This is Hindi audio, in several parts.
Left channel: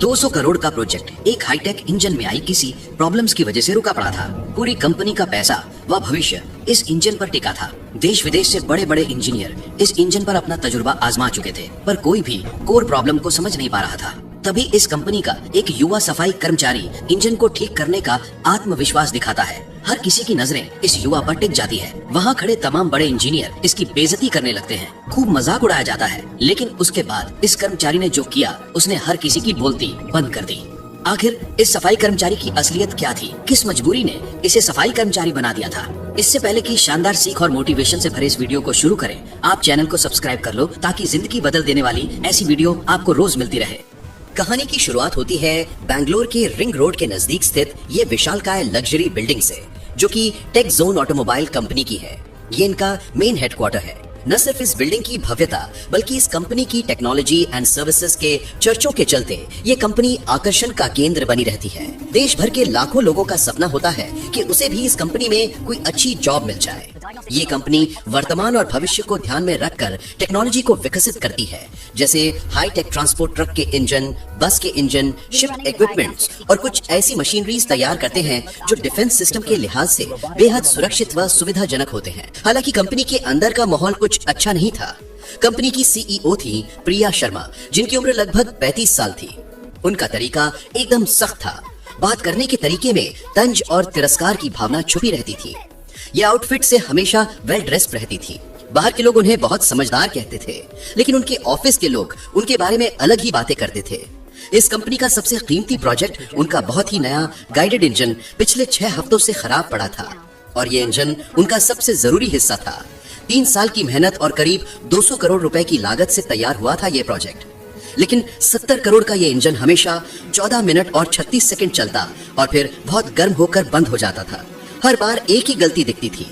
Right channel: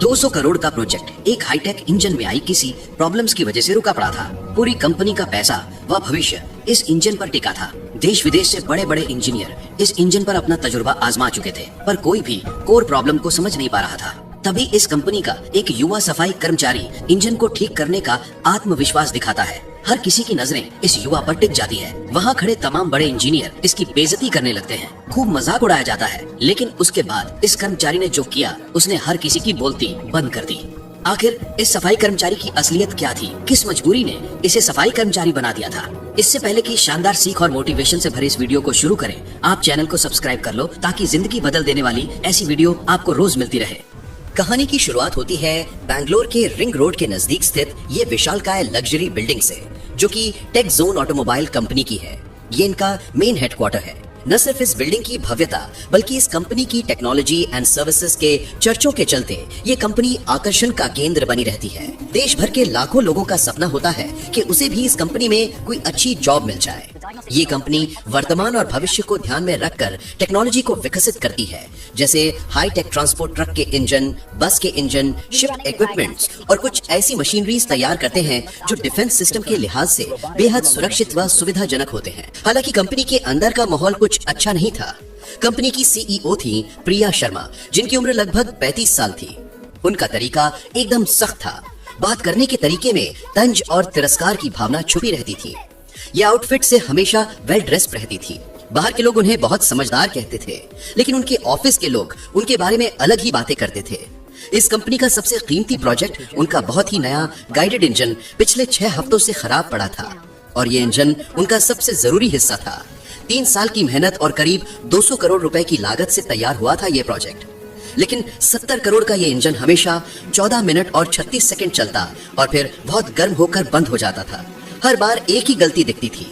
200 करोड़ का प्रोजेक्ट एक हाईटेक इंजन में आई किसी प्रॉब्लम्स की वजह से रुका पड़ा था। पूरी कंपनी का पैसा व भविष्य इस इंजन पर टिका था। देश विदेश से बड़े बड़े इंजीनियर इस इंजन पर अपना तजुर्बा आजमा चुके थे, पर कोई भी कोर प्रॉब्लम को समझ नहीं पा रहा था। तभी इस कंपनी का एक युवा सफाई कर्मचारी इंजन को ठीक करने का आत्मविश्वास दिखाता है। हर किसी की नजरें इस युवा पर टिक जाती है। वहाँ खड़े तमाम बड़े इंजीनियर इसकी बेइज्जती करने लगते हैं, खूब मजाक उड़ाया जाता है। लेकिन उसके बाद इस कर्मचारी ने जो किया, उसने हर किसी की बोलती बंद कर दी। आखिर इस सफाई कर्मचारी की असलियत क्या थी? किस मजबूरी ने इसे सफाई कर्मचारी बना दिया था? इससे पहले कि शानदार सीख और मोटिवेशन से भरे इस वीडियो को शुरू करें, आप चैनल को सब्सक्राइब कर लो ताकि जिंदगी बदल देने वाली ऐसी वीडियो आपको रोज मिलती रहे। कहानी की शुरुआत होती है बैंगलोर के रिंग रोड के नजदीक स्थित ये विशालकाय लग्जरी बिल्डिंग से, जो कि टेक जोन ऑटोमोबाइल कंपनी की है। ये इनका मेन हेडक्वार्टर है। न सिर्फ इस बिल्डिंग की भव्यता बल्कि इस कंपनी की टेक्नोलॉजी एंड सर्विसेज के चर्चों के चलते ये कंपनी आकर्षण का केंद्र बनी रहती है। देश भर के लाखों लोगों का सपना होता है कि उसे भी इस कंपनी में कोई अच्छी जॉब मिल जाए। ये कंपनी वर्तमान और भविष्य को ध्यान में रखकर टेक्नोलॉजी को विकसित करती है, जैसे हाई टेक ट्रांसपोर्ट ट्रक के इंजन, बस के इंजन, शिप इक्विपमेंट्स और कुछ ऐसी मशीनरीज तैयार करते हैं जो डिफेंस सिस्टम के लिहाज से बेहद सुरक्षित व सुविधाजनक होते हैं। हालांकि कंपनी के अंदर का माहौल कुछ अच्छा नहीं था। कंपनी की सीईओ थी प्रिया शर्मा, जिनकी उम्र लगभग 35 साल थी। उनका तरीका एकदम सख्त था। बात करने के तरीके में तंज और तिरस्कार की भावना छुपी रहती थी। ये आउटफिट से हमेशा वेल ड्रेस्ड रहती थी। बाहर के लोग उन्हें बहुत समझदार कहते थे, लेकिन उनके ऑफिस के लोग उनके बारे में अलग ही बातें करते थे। इस कंपनी का सबसे कीमती प्रोजेक्ट उनका बहुत ही नया गाइडेड इंजन पिछले 6 हफ्तों से खराब पड़ा था, और ये इंजन उनका सबसे जरूरी हिस्सा था। 3 साल की मेहनत और करीब 200 करोड़ रुपए की लागत से तैयार हुआ था ये प्रोजेक्ट। लेकिन 70 करोड़ का ये इंजन हमेशा 14 मिनट और 36 सेकंड चलता और फिर बहुत गर्म होकर बंद हो जाता था। हर बार एक ही गलती दिखती थी,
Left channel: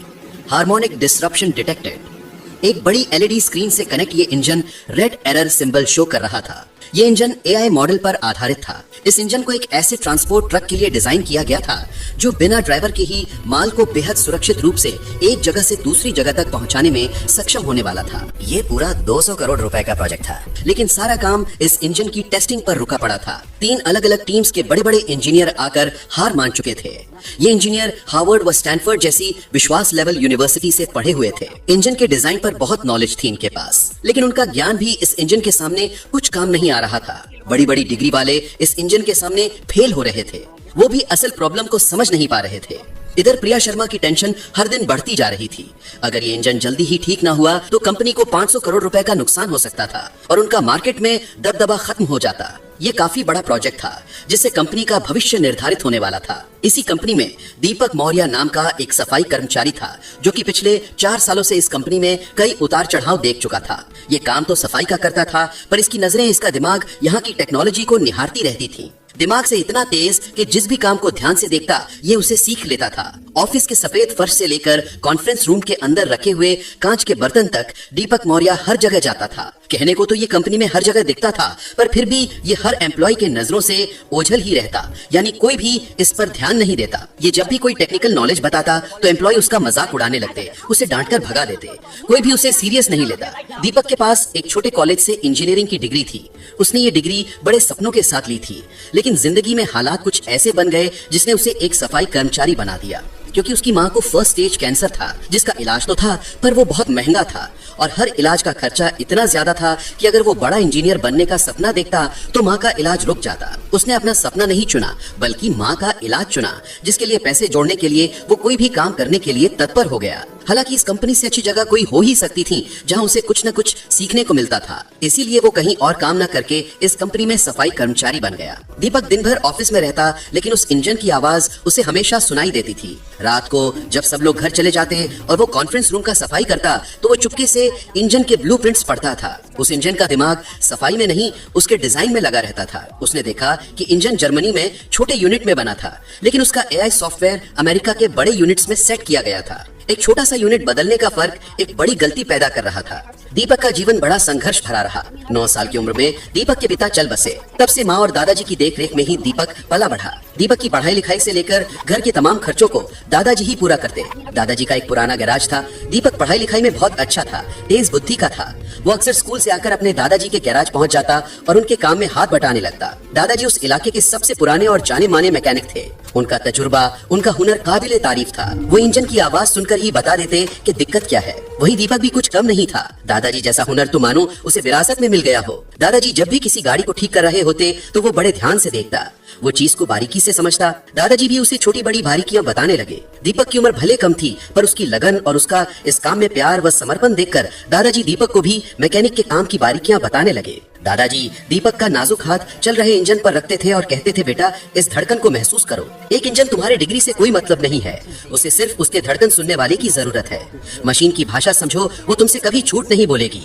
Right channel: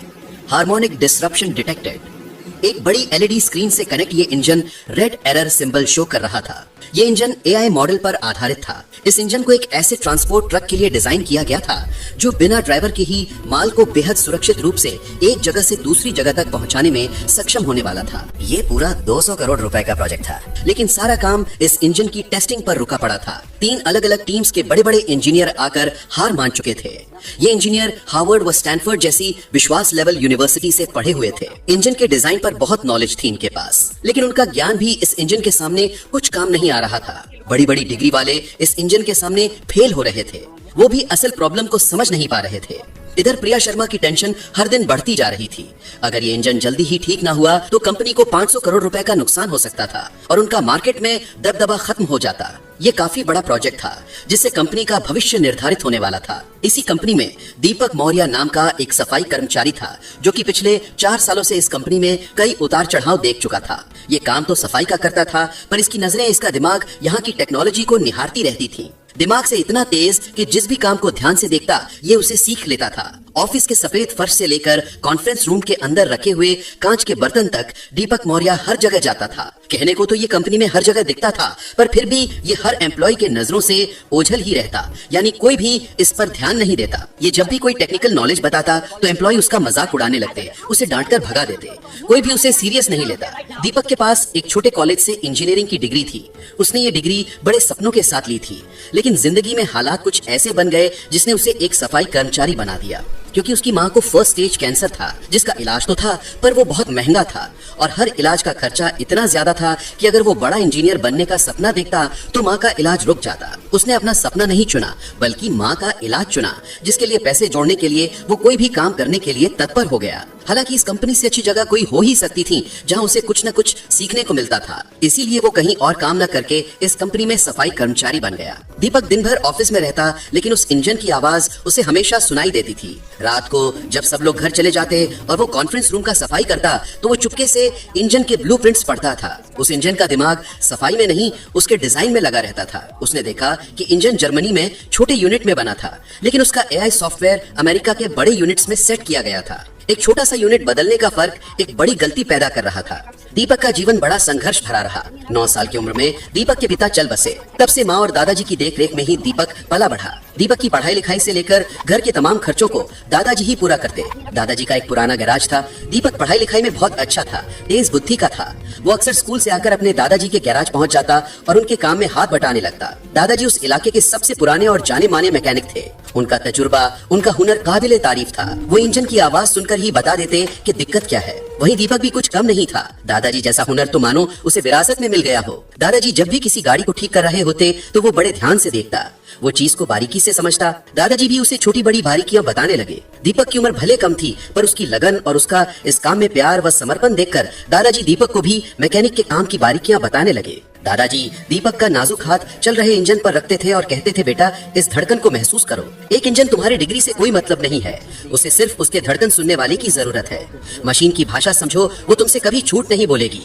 हार्मोनिक डिसरप्शन डिटेक्टेड। एक बड़ी एलईडी स्क्रीन से कनेक्ट ये engine red error symbol show कर रहा था। ये इंजन एआई मॉडल पर आधारित था। इस इंजन को एक ऐसे ट्रांसपोर्ट ट्रक के लिए डिजाइन किया गया था जो बिना ड्राइवर के ही माल को बेहद सुरक्षित रूप से एक जगह से दूसरी जगह तक पहुंचाने में सक्षम होने वाला था। ये पूरा 200 करोड़ रुपए का प्रोजेक्ट था, लेकिन सारा काम इस इंजन की टेस्टिंग पर रुका पड़ा था। 3 अलग अलग टीम्स के बड़े बड़े इंजीनियर आकर हार मान चुके थे। ये इंजीनियर हार्वर्ड व स्टैनफोर्ड जैसी विश्वास लेवल यूनिवर्सिटी से पढ़े हुए थे। इंजन के डिजाइन पर बहुत नॉलेज थी इनके पास, लेकिन उनका ज्ञान भी इस इंजन के सामने कुछ काम नहीं आ रहा था। बड़ी बड़ी डिग्री वाले इस इंजन के सामने फेल हो रहे थे। वो भी असल प्रॉब्लम को समझ नहीं पा रहे थे। इधर प्रिया शर्मा की टेंशन हर दिन बढ़ती जा रही थी। अगर ये इंजन जल्दी ही ठीक ना हुआ तो कंपनी को 500 करोड़ रुपए का नुकसान हो सकता था और उनका मार्केट में दबदबा खत्म हो जाता। ये काफी बड़ा प्रोजेक्ट था जिससे कंपनी का भविष्य निर्धारित होने वाला था। इसी कंपनी में दीपक मौर्य नाम का एक सफाई कर्मचारी था, जो कि पिछले 4 सालों से इस कंपनी में कई उतार चढ़ाव देख चुका था। ये काम तो सफाई का करता था, पर इसकी नजरें, इसका दिमाग यहाँ की टेक्नोलॉजी को निहारती रहती थी। दिमाग से इतना तेज कि जिस भी काम को ध्यान से देखता ये उसे सीख लेता था। ऑफिस के सफेद फर्श से लेकर कॉन्फ्रेंस रूम के अंदर रखे हुए कांच के बर्तन तक दीपक मौर्य हर जगह जाता था। कहने को तो ये कंपनी में हर जगह दिखता था, पर फिर भी ये हर एम्प्लॉय के नजरों से ओझल ही रहता, यानी कोई भी इस पर ध्यान नहीं देता। ये जब भी कोई टेक्निकल नॉलेज बताता तो एम्प्लॉय उसका मजाक उड़ाने लगते, उसे डांट कर भगा देते। कोई भी उसे सीरियस नहीं लेता। दीपक के पास एक छोटे कॉलेज से इंजीनियरिंग की डिग्री थी। उसने ये डिग्री बड़े सपनों के साथ ली थी, लेकिन जिंदगी में हालात कुछ ऐसे बन गए जिसने उसे एक सफाई कर्मचारी बना दिया। क्योंकि उसकी माँ को फर्स्ट स्टेज कैंसर था, जिसका इलाज तो था पर वो बहुत महंगा था और हर इलाज का खर्चा इतना ज्यादा था कि अगर वो बड़ा इंजीनियर बनने का सपना देखता तो माँ का इलाज रुक जाता। उसने अपना सपना नहीं चुना बल्कि माँ का इलाज चुना, जिसके लिए पैसे जोड़ने के लिए वो कोई भी काम करने के लिए तत्पर हो गया। हालांकि इस कंपनी से अच्छी जगह कोई हो ही सकती थी जहाँ उसे कुछ न कुछ सीखने को मिलता था, इसीलिए वो कहीं और काम न करके इस कंपनी में सफाई कर्मचारी बन गया। दीपक दिन भर ऑफिस में रहता, लेकिन उस इंजन की आवाज उसे हमेशा सुनाई देती थी। रात को जब सब लोग घर चले जाते और वो कॉन्फ्रेंस रूम का सफाई करता तो वो चुपके से इंजन के ब्लूप्रिंट्स पढ़ता था। उस इंजन का दिमाग सफाई में नहीं, उसके डिजाइन में लगा रहता था। उसने देखा कि इंजन जर्मनी में छोटे यूनिट में बना था, लेकिन उसका एआई सॉफ्टवेयर अमेरिका के बड़े यूनिट्स में सेट किया गया था। एक छोटा सा यूनिट बदलने का फर्क एक बड़ी गलती पैदा कर रहा था। दीपक का जीवन बड़ा संघर्ष भरा रहा। 9 साल की उम्र में दीपक के पिता चल बसे। तब से माँ और दादाजी की देखरेख में ही दीपक पला बढ़ा। दीपक की पढ़ाई लिखाई से लेकर घर के तमाम खर्चों को दादाजी ही पूरा करते। दादाजी का एक पुराना गैराज था। दीपक पढ़ाई लिखाई में बहुत अच्छा था, तेज बुद्धि का था। वो अक्सर स्कूल से आकर अपने दादाजी के गैराज पहुंच जाता और उनके काम में हाथ बटाने लगता। दादाजी उस इलाके के सबसे पुराने और जाने माने मैकेनिक थे। उनका तजुर्बा, उनका हुनर काबिले तारीफ था। वो इंजन की आवाज सुनकर ही बता देते कि दिक्कत क्या है। वहीं दीपक भी कुछ कम नहीं था। दादाजी जैसा हुनर तो मानो उसे विरासत में मिल गया हो। दादाजी जब भी किसी गाड़ी को ठीक कर रहे होते तो वो बड़े ध्यान से देखता, वो चीज को बारीकी से समझता। दादाजी भी उसे छोटी बड़ी बारीकियां बताने लगे। दीपक की उम्र भले कम थी, पर उसकी लगन और उसका इस काम में प्यार व समर्पण देखकर दादाजी दीपक को भी मैकेनिक के काम की बारीकियां बताने लगे। दादाजी दीपक का नाजुक हाथ चल रहे इंजन पर रखते थे और कहते थे, बेटा इस धड़कन को महसूस करो। एक इंजन तुम्हारे डिग्री से कोई मतलब नहीं है, उसे सिर्फ उसके धड़कन सुनने वाले की जरूरत है। मशीन की भाषा समझो, वो तुमसे कभी झूठ नहीं बोलेगी।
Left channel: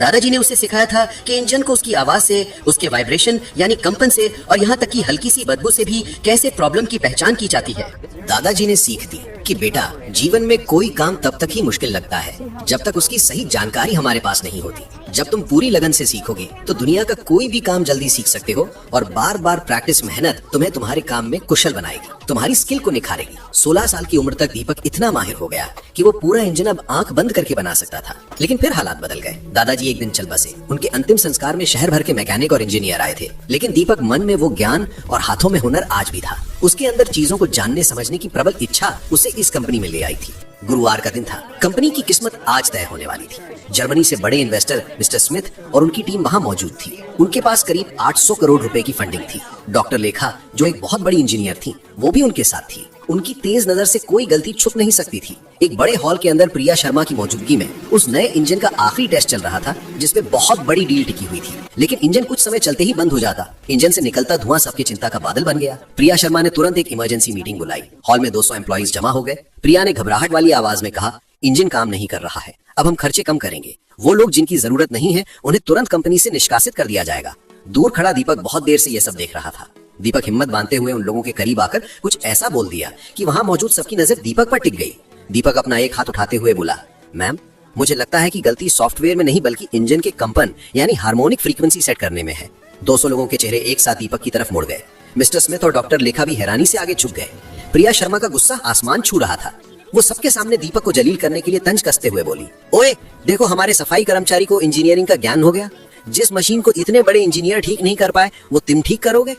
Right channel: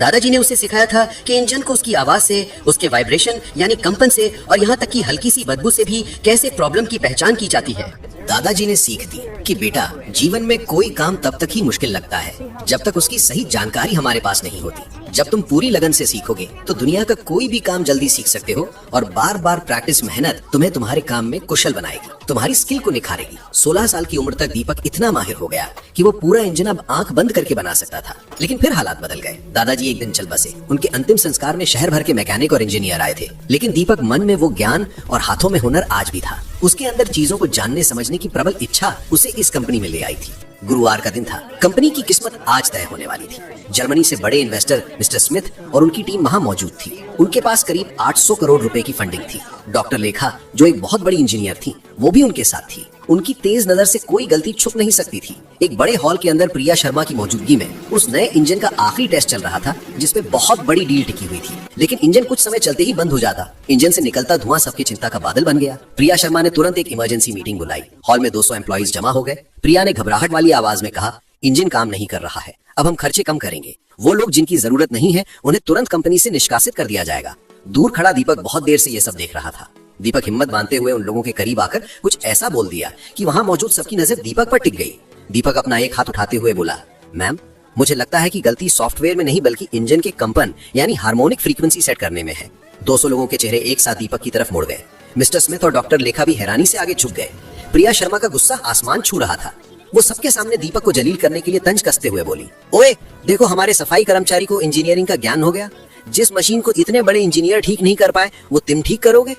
दादाजी ने उसे सिखाया था कि इंजन को उसकी आवाज से, उसके वाइब्रेशन यानी कंपन से और यहाँ तक कि हल्की सी बदबू से भी कैसे प्रॉब्लम की पहचान की जाती है। दादाजी ने सीख दी कि बेटा जीवन में कोई काम तब तक ही मुश्किल लगता है जब तक उसकी सही जानकारी हमारे पास नहीं होती। जब तुम पूरी लगन से सीखोगे तो दुनिया का कोई भी काम जल्दी सीख सकते हो और बार बार प्रैक्टिस मेहनत तुम्हें तुम्हारे काम में कुशल बनाएगी, तुम्हारी स्किल को निखारेगी। 16 साल की उम्र तक दीपक इतना माहिर हो गया कि वो पूरा इंजन अब आंख बंद करके बना सकता था। लेकिन फिर हालात बदल गए। दादाजी एक दिन चल बसे। उनके अंतिम संस्कार में शहर भर के मैकेनिक और इंजीनियर आए थे, लेकिन दीपक मन में वो ज्ञान और हाथों में हुनर आज भी था। उसके अंदर चीजों को जानने समझने की प्रबल इच्छा उसे इस कंपनी में ले आई थी। गुरुवार का दिन था। कंपनी की किस्मत आज तय होने वाली थी। जर्मनी से बड़े इन्वेस्टर मिस्टर स्मिथ और उनकी टीम वहां मौजूद थी। उनके पास करीब 800 करोड़ रुपए की फंडिंग थी। डॉक्टर लेखा, जो एक बहुत बड़ी इंजीनियर थी, वो भी उनके साथ थी। उनकी तेज नजर से कोई गलती छुप नहीं सकती थी। एक बड़े हॉल के अंदर प्रिया शर्मा की मौजूदगी में उस नए इंजन का आखिरी टेस्ट चल रहा था, जिसपे बहुत बड़ी डील टिकी हुई थी। लेकिन इंजन कुछ समय चलते ही बंद हो जाता। इंजन से निकलता धुआं सबकी चिंता का बादल बन गया। प्रिया शर्मा ने तुरंत एक इमरजेंसी मीटिंग बुलाई। हॉल में 200 एम्प्लॉइज जमा हो गए। प्रिया ने घबराहट वाली आवाज में कहा, इंजन काम नहीं कर रहा है, अब हम खर्चे कम करेंगे। वो लोग जिनकी जरूरत नहीं है उन्हें तुरंत कंपनी से निष्कासित कर दिया जाएगा। दूर खड़ा दीपक बहुत देर से ये सब देख रहा था। दीपक हिम्मत बांधते हुए उन लोगों के करीब आकर कुछ ऐसा बोल दिया कि वहां मौजूद सबकी नजर दीपक पर टिक गई। दीपक अपना एक हाथ उठाते हुए बोला, मैम मुझे लगता है कि गलती सॉफ्टवेयर में नहीं बल्कि इंजन के कंपन यानी हार्मोनिक फ्रीक्वेंसी सेट करने में है। 200 लोगों के चेहरे एक साथ दीपक की तरफ मुड़ गए। मिस्टर स्मिथ और डॉक्टर लेखा भी हैरानी से आगे झुक गए। प्रिया शर्मा का गुस्सा आसमान छू रहा था। वो सबके सामने दीपक को जलील करने के लिए तंज कसते हुए बोली, ओए देखो, हमारे सफाई कर्मचारी को इंजीनियरिंग का ज्ञान हो गया। जिस मशीन को इतने बड़े इंजीनियर ठीक नहीं कर पाए वो तुम ठीक करोगे।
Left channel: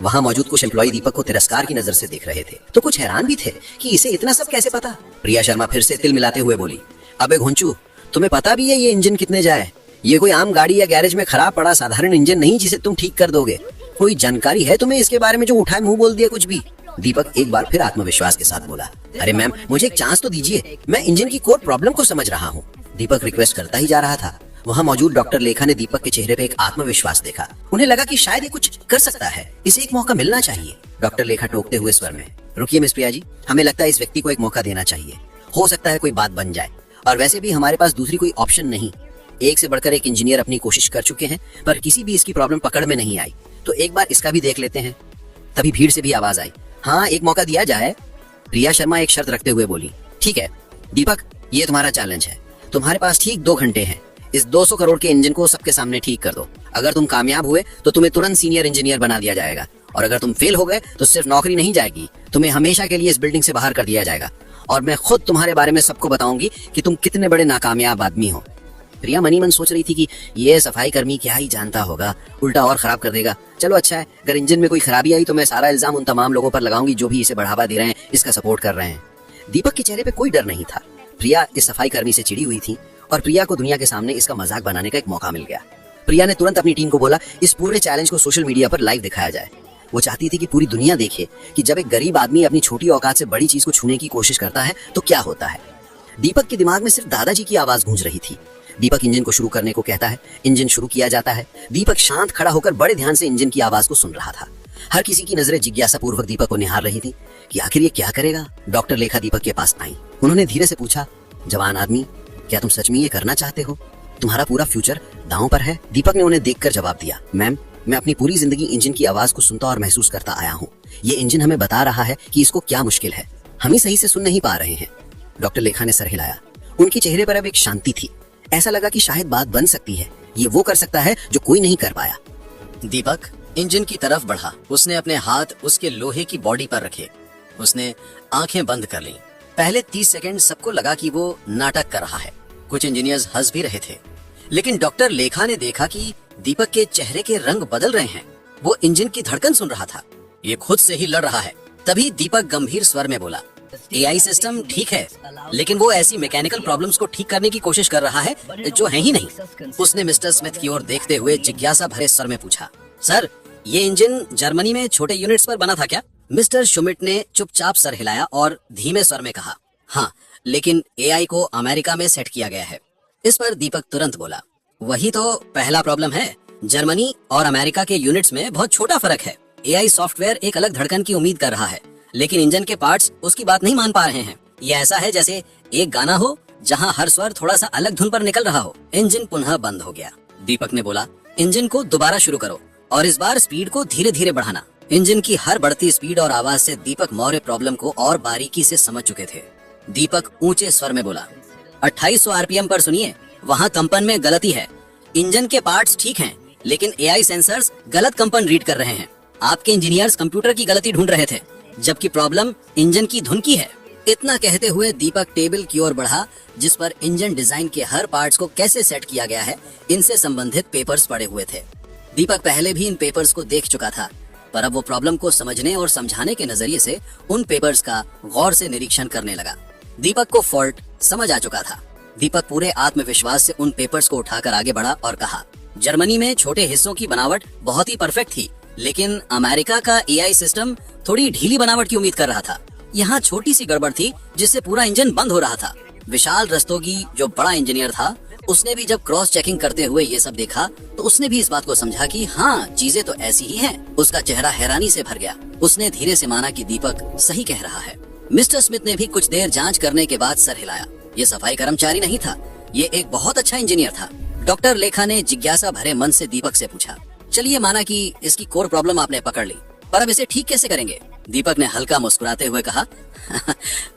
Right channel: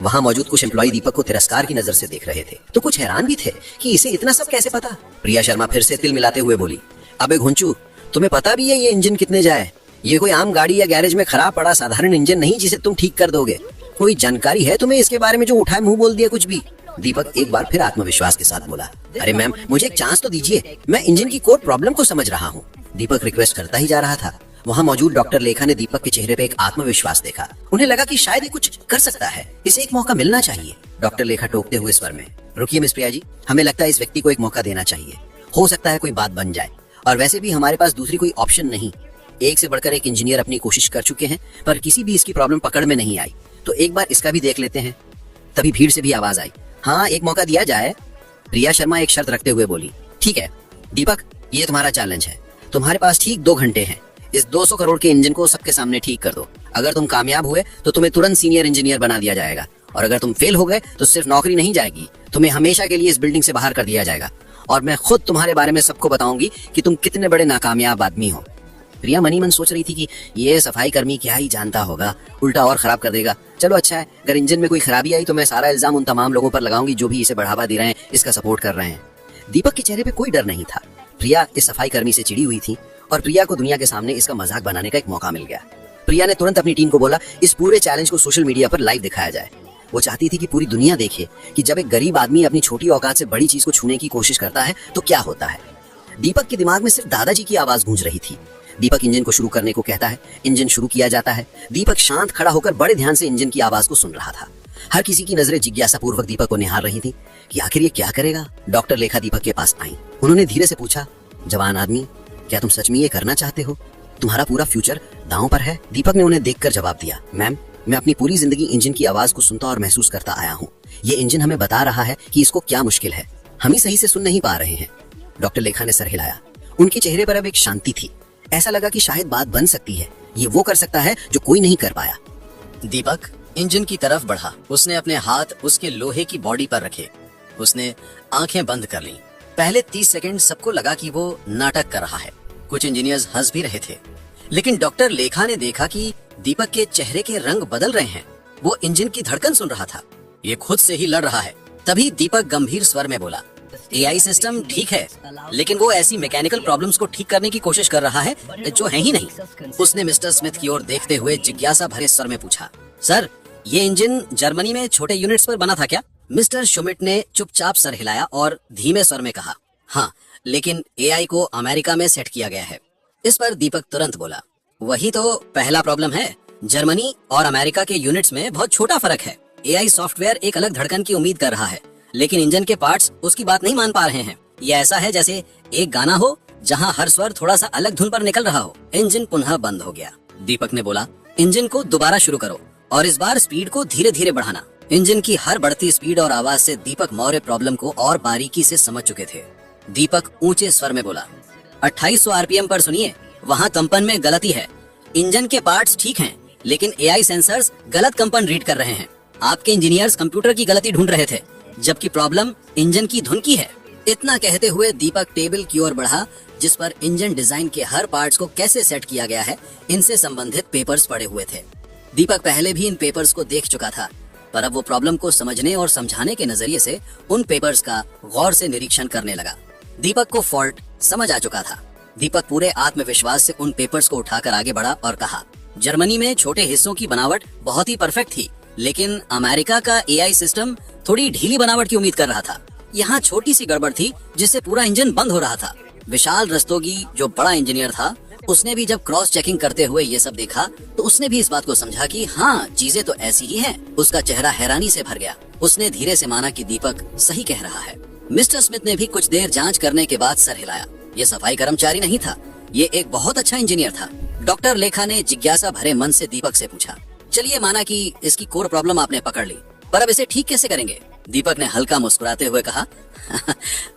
वहां मौजूद कुछ एम्प्लॉय दीपक को तिरस्कार की नजर से देख रहे थे, तो कुछ हैरान भी थे कि इसे इतना सब कैसे पता। प्रिया शर्मा फिर से तिल मिलाते हुए बोली, अबे घुंचू, तुम्हें पता भी है ये इंजन कितने जाए? ये कोई आम गाड़ी या गैरेज में खराब पड़ा साधारण इंजन नहीं जिसे तुम ठीक कर दोगे। कोई जानकारी है तुम्हें इसके बारे में जो उठाए मुंह बोल दिया कुछ भी? दीपक एक बार फिर आत्मविश्वास के साथ बोला, अरे मैम मुझे एक चांस तो दीजिए, मैं इंजन की कोर प्रॉब्लम को समझ रहा हूँ। दीपक रिक्वेस्ट करता ही जा रहा था। वहाँ मौजूद डॉक्टर लेखा ने दीपक के चेहरे पे एक आत्मविश्वास देखा। उन्हें लगा कि शायद ये कुछ कर सकता है, इसे एक मौका मिलना चाहिए। डॉक्टर लेखा टोकते हुए स्वर में, रुकिए मिस प्रिया जी, हमें लगता है इस व्यक्ति को एक मौका देना चाहिए। हो सकता है कोई बात बन जाए, और वैसे भी हमारे पास दूसरी कोई ऑप्शन नहीं। एक से बढ़कर एक इंजीनियर अपनी कोशिश कर चुके हैं, पर किसी भी इसकी प्रॉब्लम पकड़ में नहीं आई, तो एक बार इसका भी देख लेते हैं। तभी भीड़ से भी आवाज आई, हाँ एक मौका दिया जाए। प्रिया शर्मा एक शर्त रखते हुए बोली, ठीक है दीपक, ये तुम्हारा चैलेंज है। तुम्हारे पास ठीक 2 घंटे हैं। इस 200 करोड़ के इंजन को सबके सामने ठीक कर दो। अगर तुम कामयाब हुए तो तुम्हें तुरंत सीनियर इंजीनियर बना दिया जाएगा, और अगर तुम फेल हो गए तो सिर्फ नौकरी नहीं जाएगी, तुम्हें हमेशा के लिए इस बिल्डिंग से बाहर कर दिया जाएगा, और मैं खुद तुम्हारे बारे में सबको बताऊंगी कि तुम कितने बड़े नाकामयाब आदमी हो। प्रिया मनी मन सोच रही थी कि ये सफाई कर्मी क्या ही जानता होगा, उल्टा और खराब कर देगा। चलो अच्छा है, अगर इंजन में कोई खराबी आई तो मैं सारा इल्जाम उन तमाम लोगों पर लगाऊंगी जो भी इसे बढ़ावा दे रहे हैं, इसका सपोर्ट कर रहे हैं। दीपक के चेहरे पे कोई डर नहीं था। प्रिया इस सफाई कर्मी से चिड़ी हुई थी, और प्रिया को दुनिया के सामने इसका मजाक बनाने का एक मौका मिल गया। प्रिया ने तुरंत अपनी टीम को बोला, इस पूरे चैलेंज को सोशल मीडिया पर लाइव दिखाया जाए। वो चाहती थी कि पूरी दुनिया देखे कि जब एक गरीब आदमी अपनी छोटी औकात से बड़ी चीज को छूने की कोशिश करता है तो क्या होता है। दीपक के दिमाग में सिर्फ दादाजी की आवाज गूंज रही थी। दीपक इंजन को शुरू करने को कहता है, इंजन शुरू किया जाता है। दीपक शांत खड़ा होकर बड़े ध्यान से इंजन की आवाज को सुन रहा था। हर किसी की नजरें जिज्ञासा पूर्वक दीपक को निहार रही थी कि आखिर ये क्या करेगा। डॉक्टर लेखा दीपक के पास आई। उन्होंने धीरे से पूछा, जवान आदमी, क्या तुम सच में ये करना चाहते हो? तुम्हारा पूरा फ्यूचर दांव पर है। दीपक ने उन्हें देखकर जवाब दिया, मैम मैं अपनी पूरी जिंदगी इंजन की आवाज को सुनता और महसूस करता आया हूँ। ये इंजन हमें बता रहा है कि इसको क्या मुश्किल है, हम ही सही से सुन नहीं पा रहे हैं। डॉक्टर लेखा ने सर हिलाया। उनके चेहरे पर अब एक शांति थी। ऐसा लगा कि शायद बात बन सकती है। ये वो कर सकता है जो कोई नहीं कर पाया। दीपक इंजन की तरफ बढ़ा। उसने अपने हाथ उसके लोहे की बॉडी पर रखे। उसने आंखें बंद कर लीं। पहले 30 सेकंड सबको लगा कि वो नाटक कर रहा है। कुछ इंजीनियर्स हंस भी रहे थे, लेकिन डॉक्टर लेखा ने देखा कि दीपक के चेहरे के रंग बदल रहे हैं। वो इंजन की धड़कन सुन रहा था। ये खुद से ही लड़ रहा है। तभी दीपक गंभीर स्वर में बोला, एआई सिस्टम ठीक है, लेकिन वो ऐसी मैकेनिकल प्रॉब्लम्स को ठीक करने की कोशिश कर रहा है जो है ही नहीं। उसने मिस्टर स्मिथ की ओर देखते हुए जिज्ञासा भरे स्वर में पूछा, सर ये इंजन जर्मनी में छोटे यूनिट्स पर बना था क्या? मिस्टर शुमिट ने चुपचाप सर हिलाया और धीमे स्वर में कहा, हाँ, लेकिन एआई को अमेरिका में सेट किया गया है। इस पर दीपक तुरंत बोला, वही तो पहला प्रॉब्लम है। जर्मनी और अमेरिका के यूनिट्स में बहुत छोटा फर्क है। एआई सॉफ्टवेयर एक अलग धड़कन की उम्मीद कर रहा है, लेकिन इंजन के पार्ट्स उसकी बात नहीं मान पा रहे हैं। ये ऐसा है जैसे एक गाना हो जहाँ हर स्वर थोड़ा सा अलग धुन पर निकल रहा हो। इंजन पुनः बंद हो गया। दीपक ने बोला, इंजन को दोबारा शुरू करो और इस बार स्पीड को धीरे धीरे बढ़ाना। इंजन की हर बढ़ती स्पीड और आवाज से दीपक मौर्य प्रॉब्लम को और बारीकी से समझ चुके थे। दीपक ऊंचे स्वर में बोला, 2800 आरपीएम पर सुनिए, वहाँ कंपन में गलती है। इंजन के पार्ट्स ठीक हैं, लेकिन एआई सेंसर्स गलत कंपन रीड कर रहे हैं। आपके इंजीनियर्स कंप्यूटर की गलती ढूंढ रहे थे, जबकि प्रॉब्लम इंजन की धुन की है। इतना कहते हुए दीपक टेबल की ओर बढ़ा, जिस पर इंजन डिजाइन के हर पार्ट्स को कैसे सेट किया गया है इनसे संबंधित पेपर्स पड़े हुए थे। दीपक पहले भी इन पेपर्स को देख चुका था, पर अब वो प्रॉब्लम को समझने और समझाने के नजरिए से उन पेपर्स का गौर से निरीक्षण करने लगा। दीपक को फॉल्ट समझ आ चुका था। दीपक पूरे आत्मविश्वास से उन पेपर्स को उठाकर आगे बढ़ा और कहा, जर्मनी में छोटे हिस्सों की बनावट बहुत ही परफेक्ट थी, लेकिन अमेरिका का एआई सिस्टम थोड़ी ढीली बनावट की उम्मीद कर रहा था। यहाँ छोटी सी गड़बड़ थी जिससे पूरा इंजन बंद हो रहा था। विशाल रस्तोगी, जो बड़ा इंजीनियर था, उसने भी जब क्रॉस चेकिंग करते हुए ये सब देखा तो उसने भी इस बात को समझा कि हाँ, चीजें तो ऐसी ही हैं। उसका चेहरा हैरानी से भर गया। उसने धीरे से माना कि दीपक सही कह रहा है। मिस्टर स्मिथ ने भी कुछ देर जांच करने के बाद सर हिलाया। ये सफाई कर्मचारी नहीं था, ये एक बहुत अच्छा इंजीनियर था। डॉक्टर लेखा ने जिज्ञासा भरे मन से दीपक से पूछा, चलिए माना कि इसकी कोर प्रॉब्लम आपने पकड़ ली, पर अब इसे ठीक कैसे करेंगे? दीपक ने हल्का मुस्कुराते हुए कहा,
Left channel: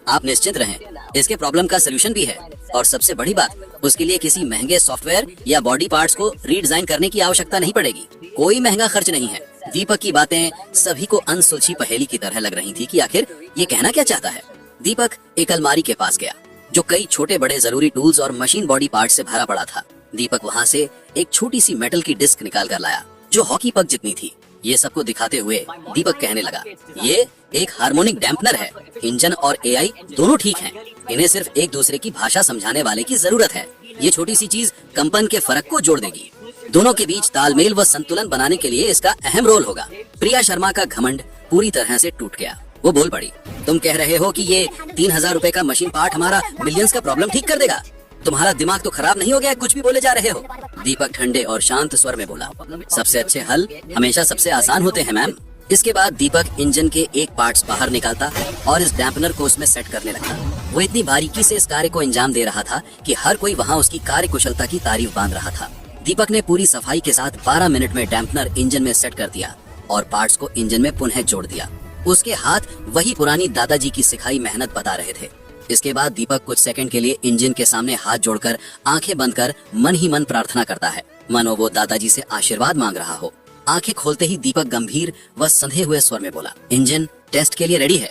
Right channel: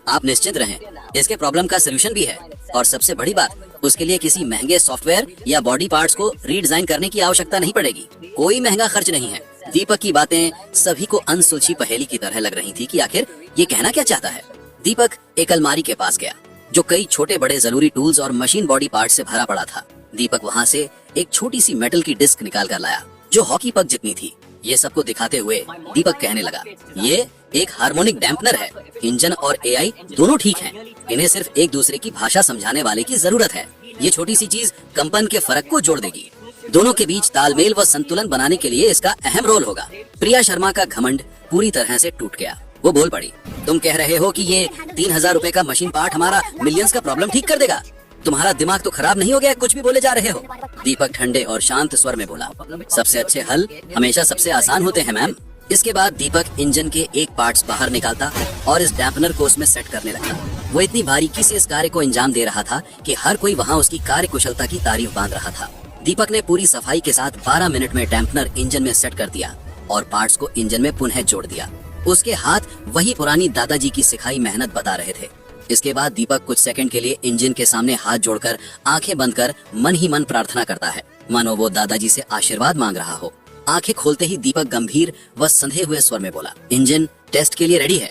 आप निश्चिंत रहें, इसके प्रॉब्लम का सलूशन भी है। और सबसे बड़ी बात, उसके लिए किसी महंगे सॉफ्टवेयर या बॉडी पार्ट्स को रीडिजाइन करने की आवश्यकता नहीं पड़ेगी। कोई महंगा खर्च नहीं है। दीपक की बातें सभी को अनसुलझी पहेली की तरह लग रही थी कि आखिर ये कहना क्या चाहता है। दीपक एक अलमारी के पास गया जो कई छोटे बड़े जरूरी टूल्स और मशीन बॉडी पार्ट से भरा पड़ा था। दीपक वहाँ से एक छोटी सी मेटल की डिस्क निकाल कर लाया जो हॉकी पक जितनी थी। ये सबको दिखाते हुए दीपक कहने लगा, ये एक हार्मोनिक डैम्पनर है। इंजन और एआई दोनों ठीक हैं। इन्हें सिर्फ एक दूसरे की भाषा समझाने वाले की जरूरत है। ये छोटी सी चीज कंपन के फर्क को जोड़ देगी। दोनों के बीच तालमेल व संतुलन बनाने के लिए इसका अहम रोल होगा। प्रिया शर्मा का घमंड पूरी तरह से टूट गया। वो बोल पड़ी, तुम कह रहे हो कि ये 3000 रुपए का मशीन पार्ट हमारा मिलियंस का प्रॉब्लम ठीक कर देगा? तुम्हारा दिमाग तो खराब नहीं हो गया? कुछ भी बोले जा रहे हो। दीपक ठंडे और शांत स्वर में बोला, सबसे अच्छे हल हमेशा सबसे आसान होते हैं मैम। इसके बाद दीपक इंजन के एक पार्ट्स बाहर निकालता और इस डैम्पनर को उसमें सेट करने लगा। वो इतनी बारीकी से इस कार्य को अंजाम दे रहा था कि हर कोई वहाँ उसकी कार्य कुशलता की तारीफ बांध रहा था। दीपक ने पूरी सफाई के साथ 12 मिनट में डैम्पनर इंजन में सेट कर दिया और पार्ट्स को इंजन में पुनः जोड़ दिया। उसके हाथ वही पुरानी दादाजी की सिखाई मेहनत बता रहे थे। इसके बाद दीपक कुछ सेकंड के लिए इंजन के सामने हाथ जोड़कर आंखें बंद कर मन ही मन प्रार्थना करता है, मानो वो दादाजी से आशीर्वाद मांग रहा हो। आंखें खोलते ही दीपक गंभीर व संधे हुए स्वर में बोला, इंजन टेस्ट के लिए रेडी है।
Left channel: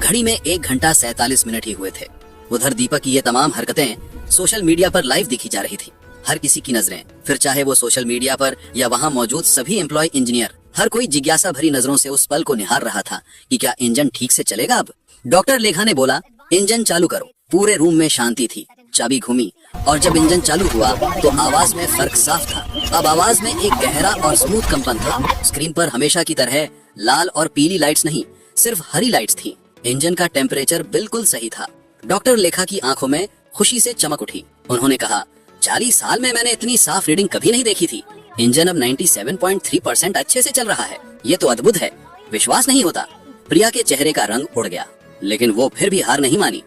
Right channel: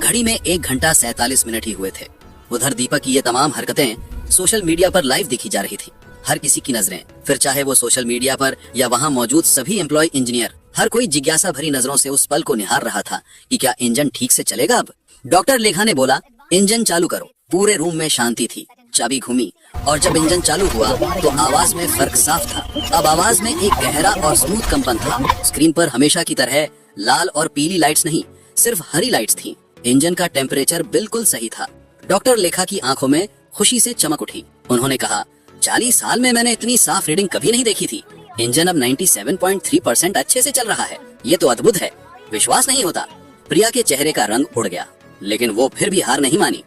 घड़ी में 1 घंटा 47 मिनट ही हुए थे। उधर दीपक की ये तमाम हरकतें सोशल मीडिया पर लाइव दिखी जा रही थी। हर किसी की नजरें, फिर चाहे वो सोशल मीडिया पर या वहाँ मौजूद सभी एम्प्लॉय इंजीनियर, हर कोई जिज्ञासा भरी नजरों से उस पल को निहार रहा था कि क्या इंजन ठीक से चलेगा अब। डॉक्टर लेखा ने बोला, इंजन चालू करो। पूरे रूम में शांति थी। चाबी घूमी और जब इंजन चालू हुआ तो आवाज में फर्क साफ था। अब आवाज में एक गहरा और स्मूथ कंपन था। स्क्रीन पर हमेशा की तरह लाल और पीली लाइट्स नहीं, सिर्फ हरी लाइट्स थीं। इंजन का टेम्परेचर बिल्कुल सही था। डॉक्टर लेखा की आंखों में खुशी से चमक उठी। उन्होंने कहा, 40 साल में मैंने इतनी साफ रीडिंग कभी नहीं देखी थी। इंजन अब 97.3% अच्छे से चल रहा है। ये तो अद्भुत है, विश्वास नहीं होता। प्रिया के चेहरे का रंग उड़ गया, लेकिन वो फिर भी हार नहीं मानी।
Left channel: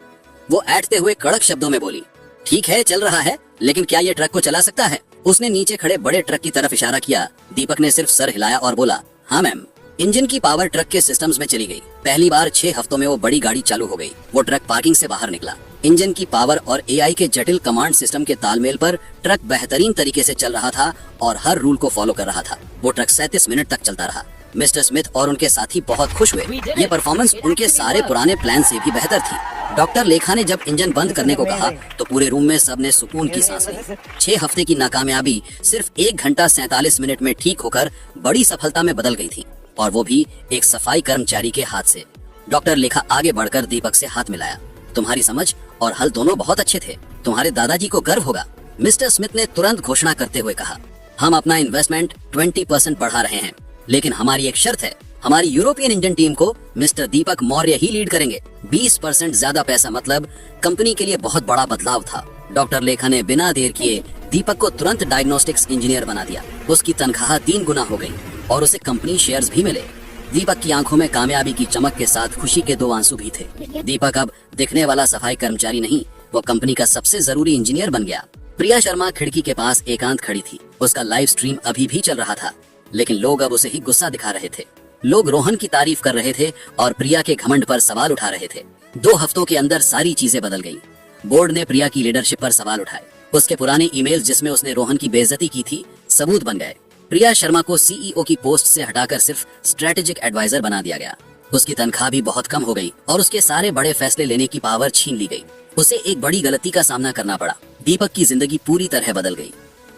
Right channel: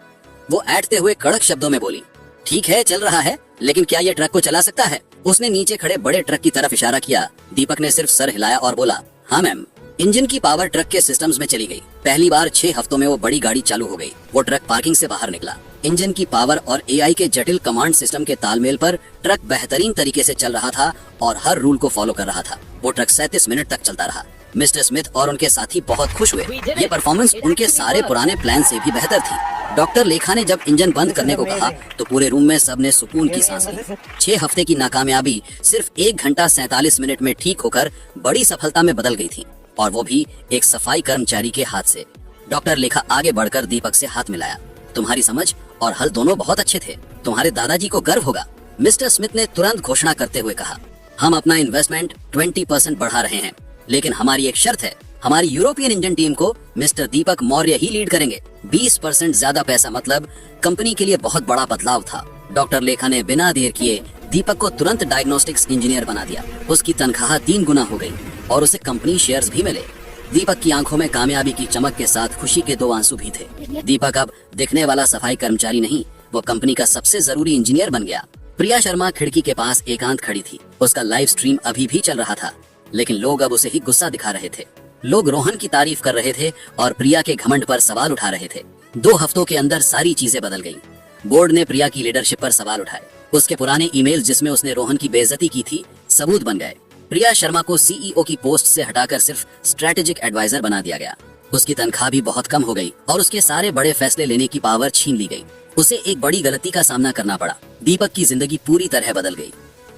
वो ऐंठते हुए कड़क शब्दों में बोली, ठीक है चल रहा है, लेकिन क्या ये ट्रक को चला सकता है? उसने नीचे खड़े बड़े ट्रक की तरफ इशारा किया। दीपक ने सिर्फ सर हिलाया और बोला, हाँ मैम। इंजन की पावर ट्रक के सिस्टम्स में चली गई। पहली बार 6 हफ्तों में वो बड़ी गाड़ी चालू हो गई। वो ट्रक पार्किंग से बाहर निकला। इंजन की पावर और एआई के जटिल कमांड सिस्टम के तालमेल पर ट्रक बेहतरीन तरीके से चल रहा था और हर रूल को फॉलो कर रहा था। वो ट्रक 37 मिनट तक चलता रहा। मिस्टर स्मिथ और उनके साथी बहुत खुश हुए। ये परफॉर्मेंस उनके सारे पुराने प्लान से भी बेहतर थी। डॉक्टर लेखा ने जब इंजन बंद करने को कहा तो पूरे रूम में सबने सुकून की सांस ली। 6 हफ्ते की नाकामयाबी सिर्फ 1 घंटा 47 मिनट में ठीक होकर बड़ी सफलता में बदल गई थी, और वो भी एक सफाई कर्मचारी के हाथ से। डॉक्टर लेखा आगे बढ़कर दीपक से हाथ मिलाया। तुम्हारी समझ और हल दोनों बहुत अच्छे थे। तुम्हारे दादाजी को गर्व होगा। मिस्टर स्मिथ ने तुरंत घोषणा करते हुए कहा, हम अपना इन्वेस्टमेंट 20% बढ़ा रहे हैं, लेकिन हमारी एक शर्त है। हमारी यूरोपियन इंजन टीम को मिस्टर दीपक मौर्य ही लीड करेंगे। 20% ज्यादा पैसा मतलब कंपनी के लिए बहुत बड़ा बदलाव था। डॉक्टर लेखा ने बिना देर किए दीपक को तुरंत डायग्नोस्टिक्स इंजीनियर बना दिया। उसकी तनख्वाह 3 गुना हो गई और उसे कंपनी शेयर्स भी मिले। दीपक की आंखों में कामयाबी की चमक के साथ खुशी के 2 आंसू भी थे। दीपक अब दिखने वाला सफाई कर्मचारी नहीं, वो कंपनी का सबसे जरूरी इंजीनियर बन गया। प्रिया शर्मा खिड़की के पास एकांत खड़ी थी। उसका लाइव स्ट्रीम अभी भी चल रहा था, लेकिन लोग अब उसे ही गुस्सा दिखा रहे थे। लोग रोहन की तारीफ कर रहे थे और प्रिया के घमंड पर सवाल उठा रहे थे। 2 हफ्तों के अंदर सारी चीजें बदल गई। बोर्ड ने प्रिया की लीडरशिप पर सवाल उठाए। उसके पुराने ईमेल जिसमें उसने रोहन की बेइज्जती की थी सबूत बन गए। प्रिया शर्मा को सीईओ की पोस्ट से हटाकर सिर्फ स्ट्रेटेजिक एडवाइजर बना दिया गया। उसकी तनख्वाह भी बहुत कम हो गई और उसके सारे बड़े फैसले लेने की पावर छीन ली गई। उसे एक बड़ी गलती का सामना करना पड़ा। दीपक की जिंदगी पूरी तरह बदल गई।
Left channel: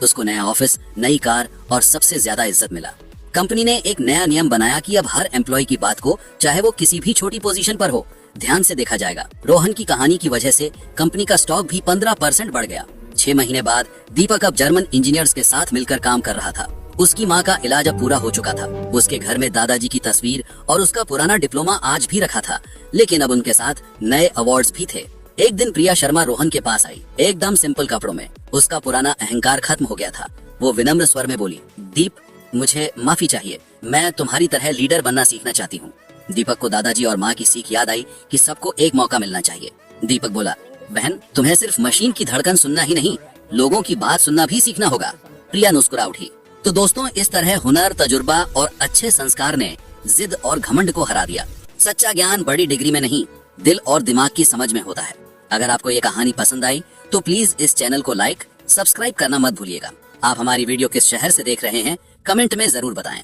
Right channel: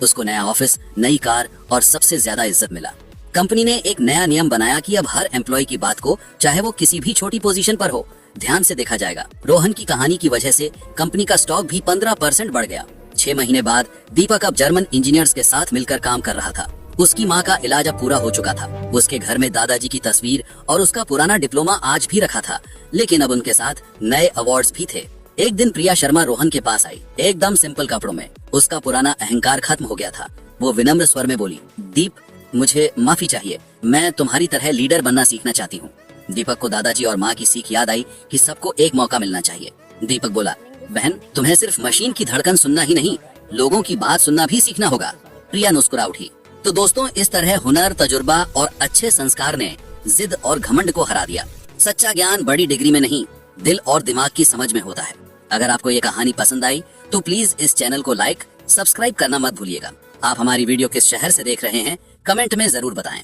उसको नया ऑफिस, नई कार और सबसे ज्यादा इज्जत मिला। कंपनी ने एक नया नियम बनाया कि अब हर एम्प्लॉय की बात को, चाहे वो किसी भी छोटी पोजीशन पर हो, ध्यान से देखा जाएगा। रोहन की कहानी की वजह से कंपनी का स्टॉक भी 15% बढ़ गया। 6 महीने बाद दीपक अब जर्मन इंजीनियर्स के साथ मिलकर काम कर रहा था। उसकी माँ का इलाज अब पूरा हो चुका था। उसके घर में दादाजी की तस्वीर और उसका पुराना डिप्लोमा आज भी रखा था, लेकिन अब उनके साथ नए अवार्ड्स भी थे। एक दिन प्रिया शर्मा रोहन के पास आई, एकदम सिंपल कपड़ों में। उसका पुराना अहंकार खत्म हो गया था। वो विनम्र स्वर में बोली, दीप, मुझे माफी चाहिए। मैं तुम्हारी तरह लीडर बनना सीखना चाहती हूँ। दीपक को दादाजी और माँ की सीख याद आई कि सबको एक मौका मिलना चाहिए। दीपक बोला, बहन, तुम्हें सिर्फ मशीन की धड़कन सुनना ही नहीं, लोगों की बात सुनना भी सीखना होगा। प्रिया मुस्कुरा उठी। तो दोस्तों, इस तरह हुनर, तजुर्बा और अच्छे संस्कार ने जिद और घमंड को हरा दिया। सच्चा ज्ञान बड़ी डिग्री में नहीं, दिल और दिमाग की समझ में होता है। अगर आपको ये कहानी पसंद आई तो प्लीज इस चैनल को लाइक, सब्सक्राइब करना मत भूलिएगा। आप हमारी वीडियो किस शहर से देख रहे हैं कमेंट में जरूर बताएं।